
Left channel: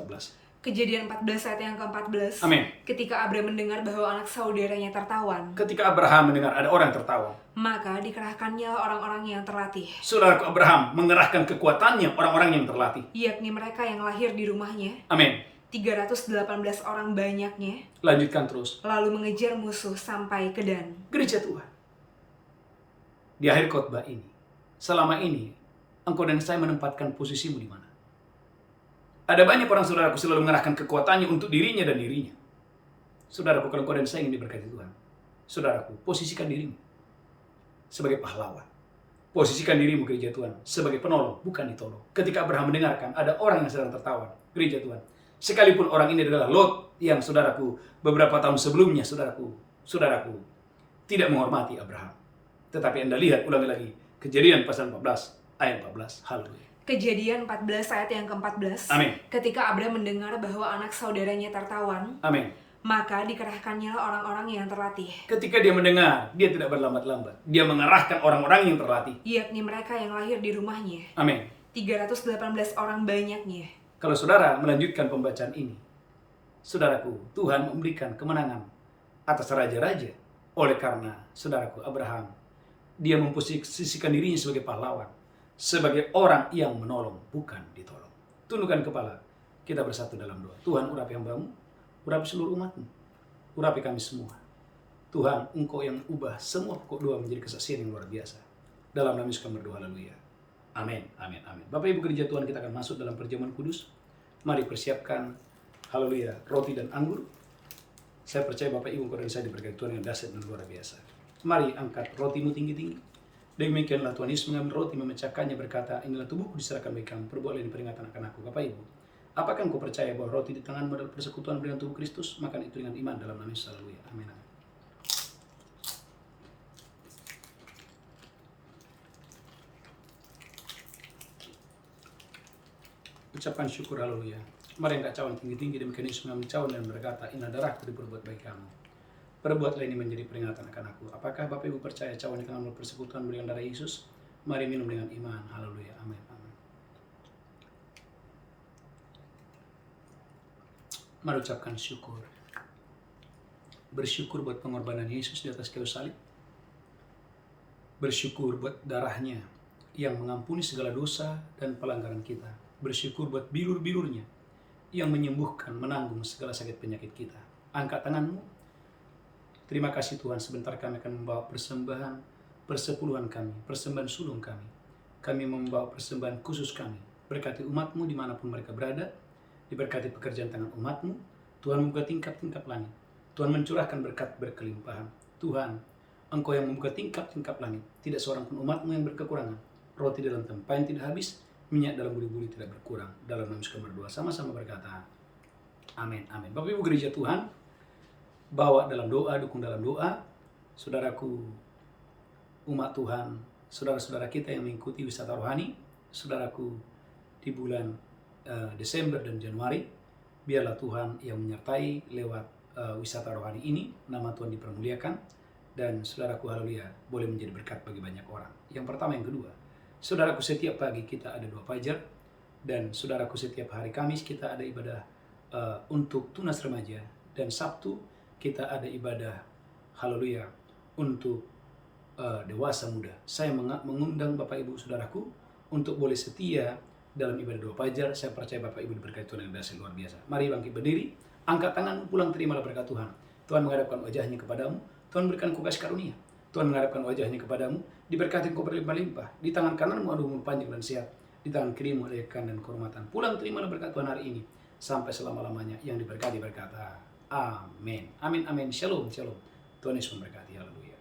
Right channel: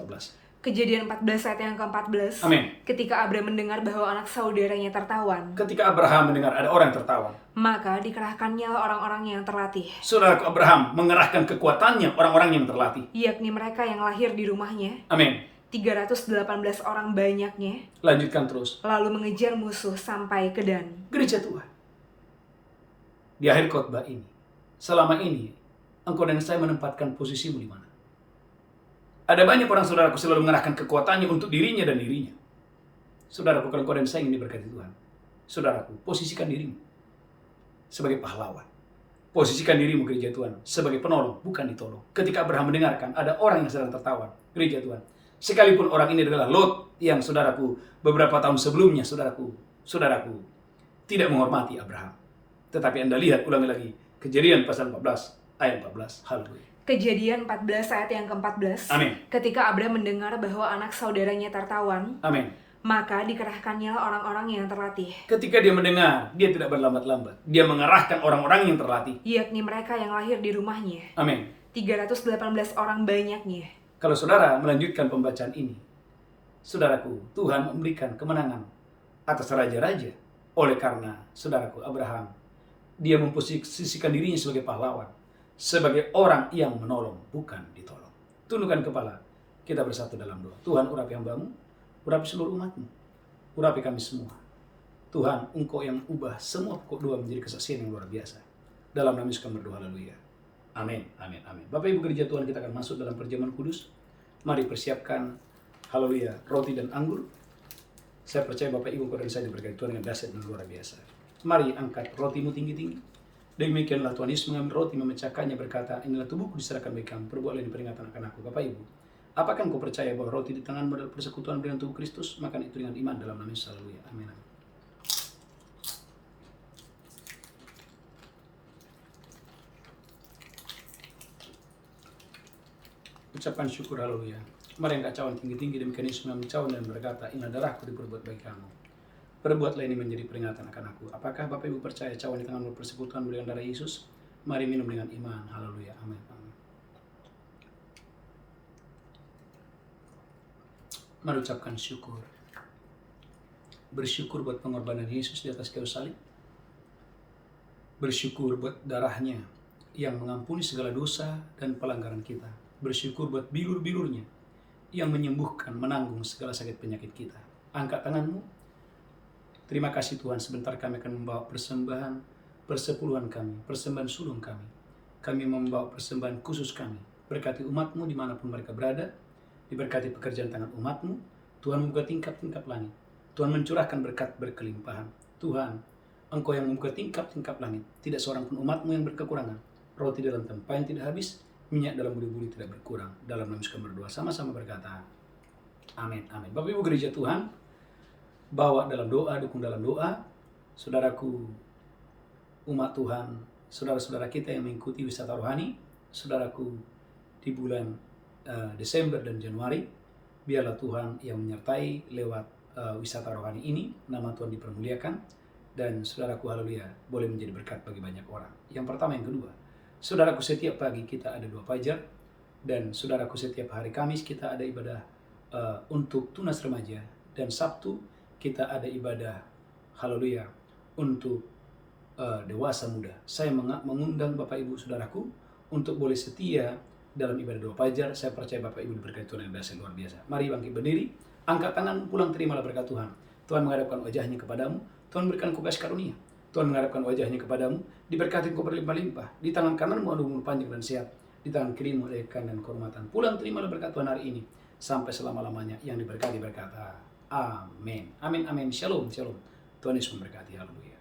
Kejadian 14 ayat yang ke-14. Amin. Ketika Abraham mendengar bahwa anak saudaranya tertawan, Ketika Abraham mendengar ada orang yang tertawan, maka dikerahkannya orang-orang yang terlatih, saudaraku, Abraham mengerahkan kekuatannya orang-orang yang terlatih. yakni mereka yang lahir di rumahnya, Amin. 318 orang banyaknya, Lanjutkan terus. lalu mengejar musuh sampai ke Dan. Gereja Tuhan, di akhir khotbah ini, selama ini, engkau dan saya menempatkan posisimu di mana? Ada banyak orang saudaraku selalu mengerahkan kekuatannya untuk dirinya dan dirinya. Saudaraku, kalau engkau dan saya ingin diberkati Tuhan, saudaraku, posisikan dirimu sebagai pahlawan. Posisikan dirimu, gereja Tuhan, sebagai penolong, bukan ditolong. Ketika Abraham mendengarkan ada orang yang sedang tertawan, gereja Tuhan, sekalipun orang ini adalah Lot yang saudaraku beberapa tahun sebelumnya, saudaraku, tidak menghormati Abraham. Tetapi Anda lihat, ulangi lagi, Kejadian pasal 14, ayat 14. Haleluya. Kejadian 14 ayat yang ke-14. Amin. Ketika Abraham mendengar bahwa anak saudaranya tertawan, Amin. maka dikerahkannya orang-orang yang terlatih, Ketika dia mendengar, dia tidak berlambat-lambat. Dia mengerahkan orang-orang yang terlatih. yakni mereka yang lahir di rumahnya, Amin. 318 orang banyaknya. Kalau saudara melanjutkan pembacaan ini, saudaraku, Tuhan memberikan kemenangan atas raja-raja. Oleh karena, saudaraku, Abraham, dia memposisikan dirinya sebagai pahlawan, sebagai orang yang menolong, bukan ditolong. Tundukkan kepala, kita bersatu dalam doa. Tuhan, urapi hambamu, urapi seluruh umatmu, urapi kami semua. Tuhan, engkau yang ubah semua pokok doa menjadi kesaksian yang luar biasa. Dalam nama Yesus kami berdoa, haleluya. Amin, amin, amin. Bapak Ibu gereja Tuhan, kita akan masuk dalam perjamuan kudus. Mari persiapkan, haleluya, roti dan anggur. Saya percaya Bapak Ibu engkau dan saya diberkati Tuhan dengan dahsyat dan luar biasa. Mari angkat rotimu tinggi-tinggi. Demikianlah Tuhan Yesus mengambil roti, memecahkannya, berkata, inilah tubuhku diserahkan bagi kamu, perbuatlah ini peringatan akan aku. Bapak Ibu, apakah engkau percaya bahwa roti di tanganmu adalah persekutuan dengan tubuh Kristus? Makan itu dengan iman dalam nama Yesus, haleluya. Amin, amin. Ucapkan syukur, haleluya. Mari angkat cawan tinggi-tinggi, demikian Yesus mengambil cawan dan berkata, inilah darahku diperbuat bagi kamu. Perbuatlah ini menjadi peringatan akan aku. Apakah Bapak Ibu percaya cawan di tangan persekutuan dengan darah Yesus? Mari minum dengan iman. Haleluya. Amin. Amin. Mari ucapkan syukur. Bersyukur buat pengorbanan Yesus di atas kayu salib. Bersyukur buat darahnya yang mengampuni segala dosa dan pelanggaran kita. Bersyukur buat bilur-bilurnya yang menyembuhkan, menanggung segala sakit penyakit kita. Angkat tanganmu. Terima kasih Tuhan, sebentar kami akan membawa persembahan persepuluhan kami, persembahan sulung kami. Kami membawa persembahan khusus kami. Berkati umatmu dimanapun mereka berada, diberkati pekerjaan tangan umatmu. Tuhan membuka tingkap-tingkap langit. Tuhan mencurahkan berkat berkelimpahan. Tuhan, Engkau yang membuka tingkap-tingkap langit. Tidak seorang pun umatmu yang berkekurangan. Roti dalam tempayan tidak habis, minyak dalam buli-buli tidak berkurang. Dalam nama Yesus kami berdoa, sama-sama berkata, amin, amin. Bapak Ibu gereja Tuhan, bawa dalam doa, dukung dalam doa, saudaraku, umat Tuhan, saudara-saudara kita yang mengikuti wisata rohani, saudaraku, di bulan Desember dan Januari, biarlah Tuhan yang menyertai lewat wisata rohani ini, nama Tuhan dipermuliakan, dan saudaraku, haleluya, boleh menjadi berkat bagi banyak orang. Yang pertama, yang kedua, saudaraku, setiap pagi kita ada 2 fajar, dan saudaraku, setiap hari Kamis kita ada ibadah untuk tunas remaja, dan Sabtu kita ada ibadah, haleluya, untuk dewasa muda. Saya mengundang Bapak Ibu Saudaraku untuk boleh setia dalam ibadah 2 fajar. Saya percaya Bapak Ibu diberkati Tuhan yang dahsyat luar biasa. Mari bangkit berdiri, angkat tangan, pulang terimalah berkat Tuhan. Tuhan menghadapkan wajahnya kepadamu, Tuhan berikan kau kasih karunia. Tuhan menghadapkan wajahnya kepadamu, diberkati kau berlimpah-limpah. Di tangan kananmu ada umur panjang dan sehat. Di Di tangan kirimu ada kekayaan dan kehormatan. Pulang terimalah berkat Tuhan hari ini sampai selama-lamanya. Yang diberkati berkata, amin. Amin, amin. Shalom, shalom. Tuhan Yesus memberkati. Haleluya.